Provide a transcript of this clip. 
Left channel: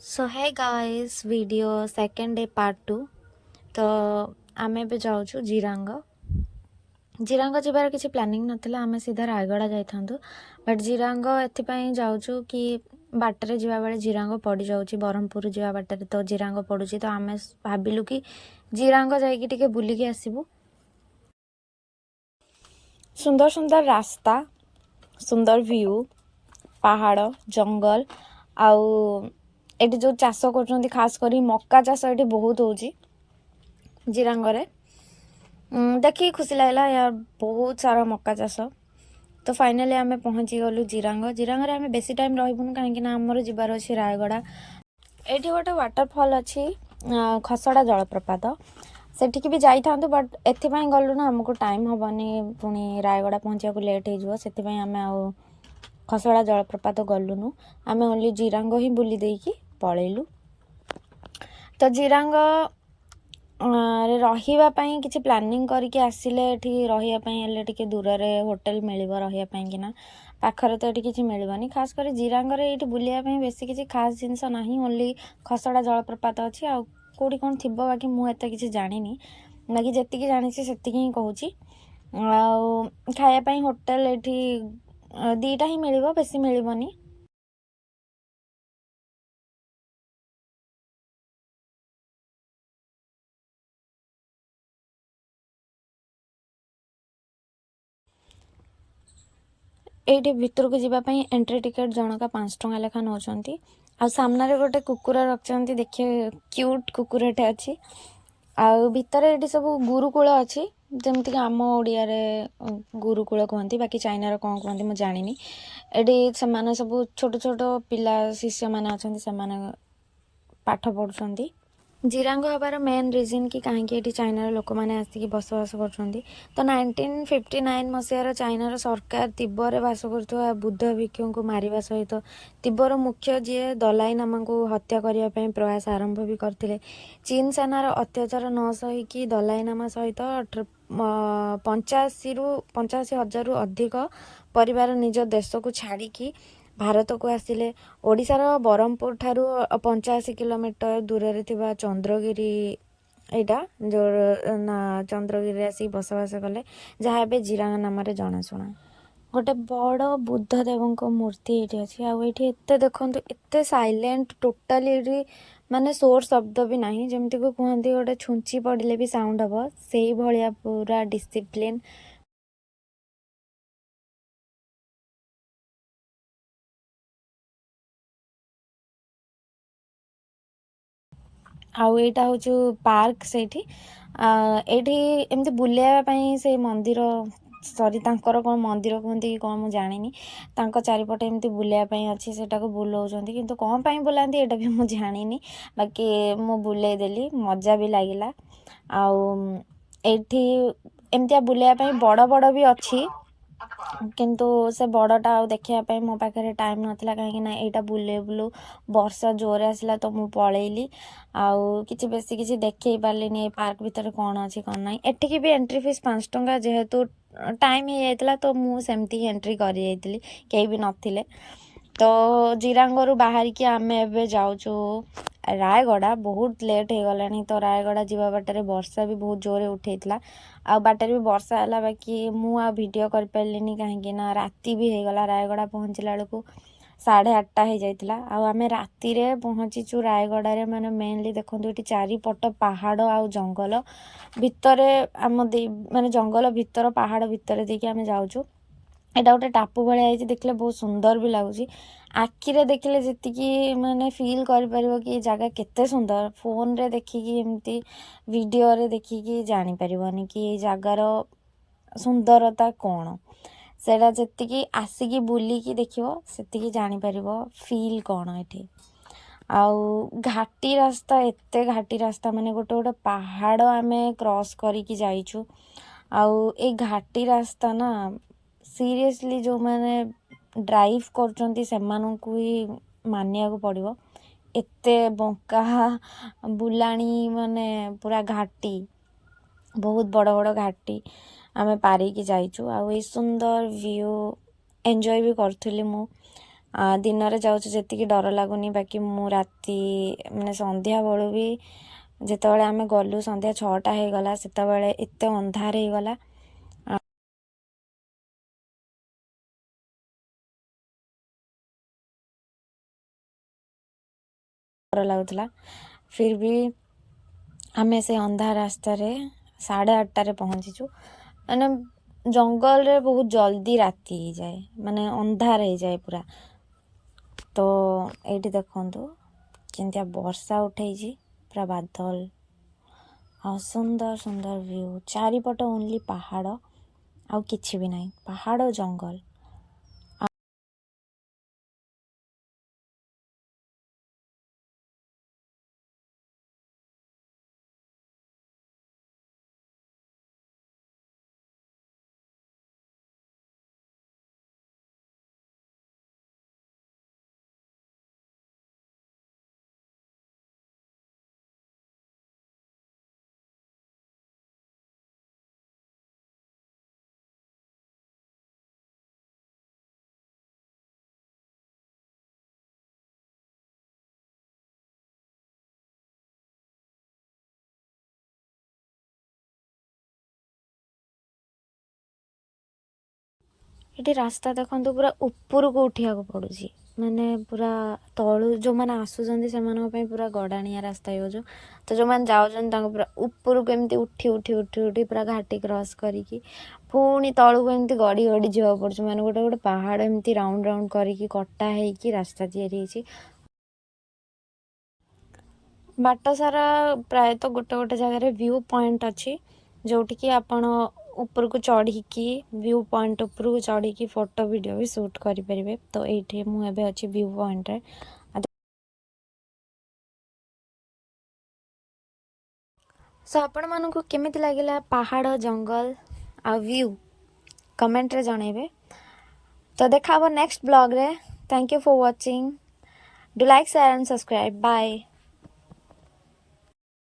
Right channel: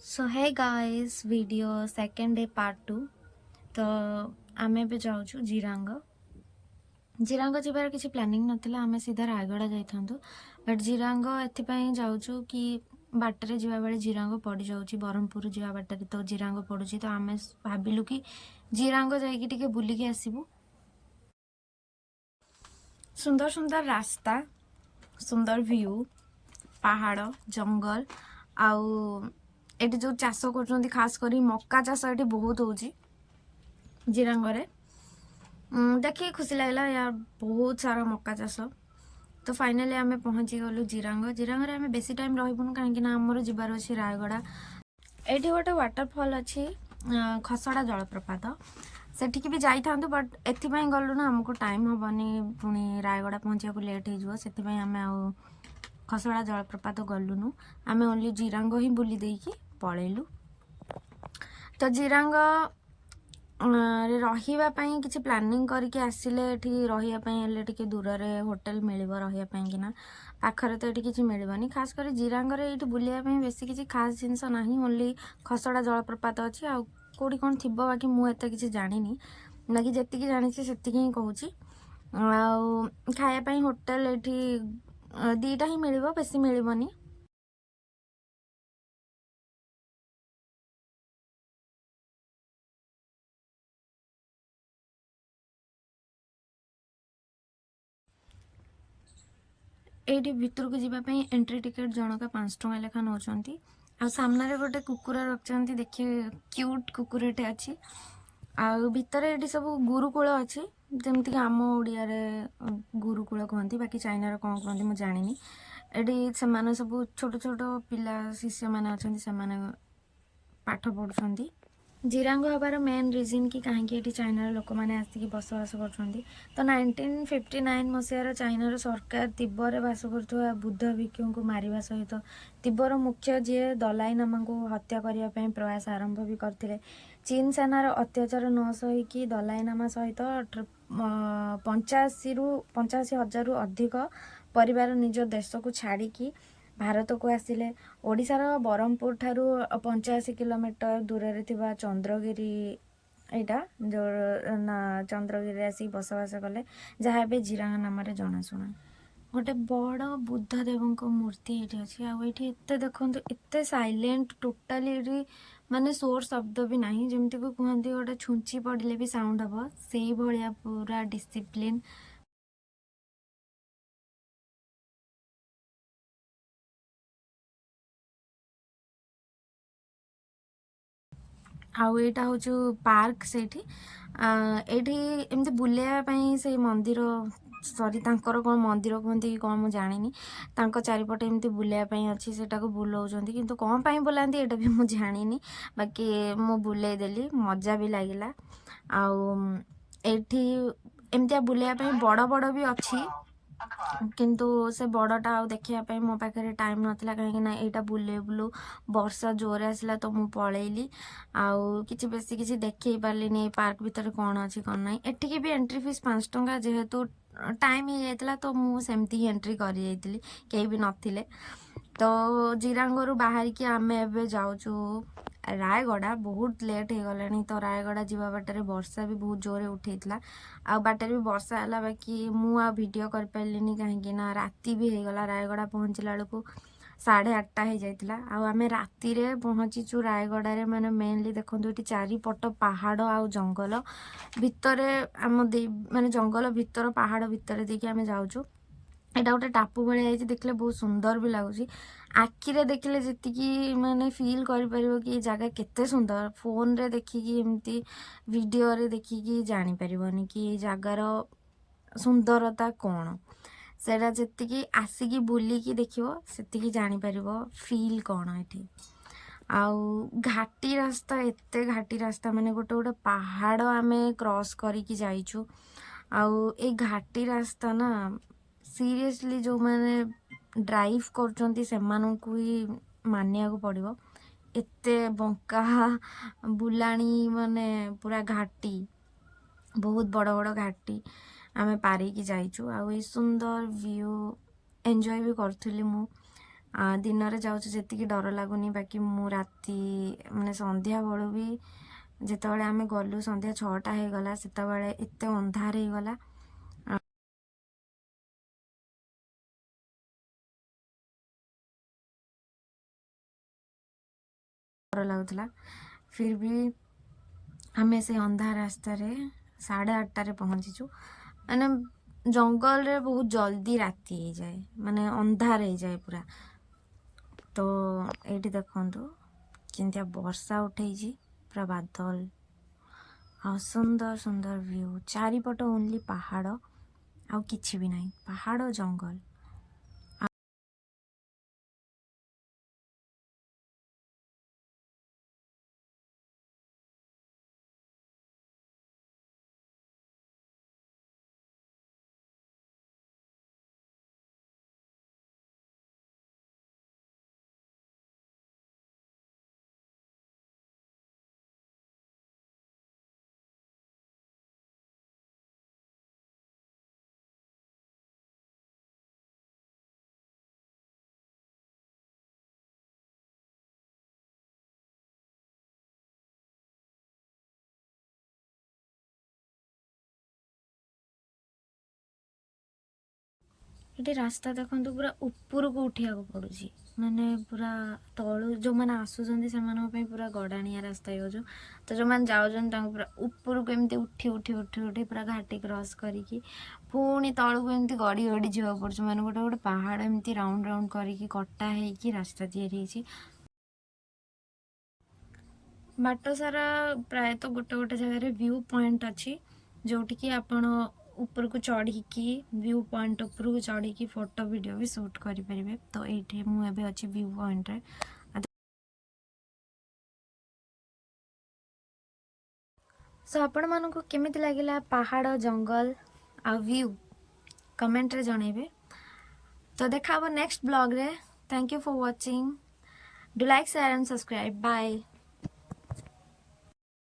सो है guys video second day part 2। तो आमे भी जाऊँ जिरांग जिरांग जबार किसी प्लानिंग नथिला आमे सीधा रायगड़ा जाइथांतु बट जिरांग एथिपाई जाऊँ कि बाटर जावा बेले जिरांग पड़ जाऊँ ब्रह्मपुर जावा बाटर तो जिरांग पड़ुची तो आमे भाविलु कि जिरांग जाइकी टिके बुलिकी आसिबु। सुंदर सुंदर रास्ता, सुंदर व्यू, पहाड़, जंगल आउ एटी जो चाष कर खास करी मक्का चाष ये बहुत होची जिरांगरे। देखिए खुशी लगला यार बहुत सारा मक्का चाष। तो फाइनाली आमे पहुँची गलु जिरांग। जिरांग आमे बेसी टाइम रहिबुनु काहेकि ना हमर जिबार अछि रायगड़ा। एठी गोटे वाटरफॉल अछि खसड़ा जलप्रपात सेठिकी भी जाइथांतु बट एथिपाई गलु ना हमको टाइम हबनी पुणी रायगड़ा पहुँचा को लेट हो सेथिपाई आमे आउ खसड़ा जलप्रपात गलुनु। आमे ओनली जिरांग ही बुली देकी पळेलु। तो जिरांग रहिबा पई किछि प्लानिंग करके आसिले एठी रहिबा पई हले टिके दूर रे होटल मिलिबो रहिबा पई किना पाखरे तो एठी किछि मिलिबनी। खास कर जिरांग रे एठी बुलिया पई बेसी किछि खास जिंस नाही ओनली खसड़ा जलप्रपात अछि आ कोडी कोन थिबो बाकी मु एते किछि जानिनी बाकी जेतिकी जानिछि सेतिकी ही कहूची। आ खाया पई होटल एठी दीटा ही मिलिबो बेसी मिलिबनी। एठी भितर को जीवा पई एंट्री टिकट जनका 5 टंका लेखा नौचंती। आ सामने गोटे कुकुर रखते देखिए क्यूट कुकुरटे अच्छी। आउ भितर ये सब गुरुकूल अच्छी जमती आम ओडिया रे गुरुकूल कहती बाकी चाइना कौन कहती मुझे जानी। ये सब छोट छोट पिला शिष्य मैंने अच्छा से पाठ पढ़ुंट। जिरांग हबार मेन रिजन कि कहीं चाइनार लोक मैंने आसिक बसवास कर। तो 1959 मसीहार चाइनार सरकार तिब्बत बास कर बुद्ध भिक्षु को मारिबा सहित तिब्बर मुख्य जी दलाई लामा को हत्या करने प्रयास आरंभ भी करते। चीन सेनार अत्याचार न सहीकि दलाई लामा सहित 85,000 रु अधिक परिवार निज देश को छाड़ी भारत को आसिले। ओडिशार ब्रह्मपुर ठारू 85 किलोमीटर दूर रे थिबा चंद्रगिरी एटा जो ना चंद्रगिरी आसी बसवास कले जहाँ ए जिरांग नाम जनाशुना। गोटे बड़ बुद्ध देव मूर्ति ये अच्छी आते देखते एत साइलेंट टोटाली माने शोर शब्द भी ना जमती को कहते गोटे छुंची पड़े भी साउंड हम से भाया पूरा डिसिप्लिन। आउ एटा हूँ पार्क से एमती बुलायापाई से मंदिर सरी तांकर कौन मंदिर कहते कि कौन मुझे जानी चारिपटे एमती बुलायापाई अच्छी से बुलाऊँच किंतु कौन पाई बुलाती एटा भी मुझे जानी बाकी मु बुले देली मजा भी लगिला। आउ एठी एमती बुलायापाई बड़ बड़ भी अच्छी किंतु से बड़टा आ देखा मो पाखे टाइम नाला कहीं यहाँ बुले बुलू वर्षा जोर आसला तो मु पलैली आउ कि बेसी किसी देखे पार्ली पार्क भितर कौन अच्छी कौन ना एटिकी भी एंट्री फीस 5 टंका जेहेतु टाइम हो जाता तो मुझे एंट्री करी कहीं भी नथिले। तो जिरांगरू बाहर की आम एवं जाऊँ रायगड़ा बहुत लेट हो गला तो रायगड़ा जीवा बाटर वर्षा भी बहुत जोरे उठेला आ बाटर भी वर्षा है बाकी मुझे वीडियो कर पारे कहीं राति भी हो गला रायगड़ा पहुँचला बेलू 8:30 हो जाता। आम राति पहुँचीचु रायगड़ा माने मेनली देखो ये चारिपट पहाड़ आ जंगल भितर आम माने जंगल भितर पहाड़ भितर देखिए आम जाऊँ एटा गोटे टापू भाई देखले बहुत सुंदर भी लगुच आखिरे देखले जी माने फील कर कि जगह केते सुंदर फोन रे देखिकी एमती वीडियो रे देखिकी जानी परिबनी कि जगार सुंदरता कौन सेटा जी आसिकी बुलिकी देखियो सेतिकी जानी परिबो फील कौन एठी। आउ घाटी रास्ता एते घाटी रास्ता माने गोटे गोटे पहाड़ आमे क्रॉस करिकी जाइछु आउ ए घाटी रास्ता ना सीरियसली जो मैंने ड्राइव कर ही मानिया को पड़ो एते बंका बुलाणी माने पूरा घाटी बहुत बड़ बड़ घाटी आमे पारिकी जाइछु आउ ए सुंदर व्यू एंजॉय भी करूली मु दिन रे जाऊँ जेतिकी डर लगुनि बाकी मु राति माने संध्या बेलू भी जितेबाला आम गलु संध्या 6टा हो गला सेतेबाला एते अंधार हो गला डर लगुला फिर भी आम से अंधार रास्तार 8:30 पहुँचीचु माने जंगल रे बहुत जल्दी राति हो जाए माने अंधार हो जाए पूरा। तो ये देखु केमतिया वर्षा उठे पूरा बादल आ सुंदर सुंदर व्यू चारिपट ओनली पहाड़ आउ किछि भी नहीं पहाड़ जंगल ये रास्ता देखो पूरा ऊपर को उठिया को पड़ुची माने पूरा तलू जो मैंने आसुचंदी से पूरा गड़ाणिया रास्ता हो तो जो मैंने जाऊँ पूरा ऊपर को एमती उठी उठी उठी उठी पूरा घाटी क्रॉस करिकी पुणी तलू को एमती गड़ी गड़ी जावा पड़ुची माने गोटे गोटे पहाड़ एमती राउंड राउंड करिकी कटा हेकी रास्ता तैयारी होईची। बाट सारा प्रायतः गोटे गोटे जगह व्यू पॉइंट अच्छी जोटिकी आपण ऊपर को चढ़ी व्यू पॉइंट ऊपर को चढ़ी फोटो वीडियो भी शूट करें। तो ये मुझे अच्छी व्यू पॉइंट रे सो आपण मानक केमिति लगिला पहाड़ जंगल आ व्यू कमेंट रे जनइबे। तो देखा नेक्स्ट ब्लॉग रे। Thank you for watching. Do like share and subscribe. Bye.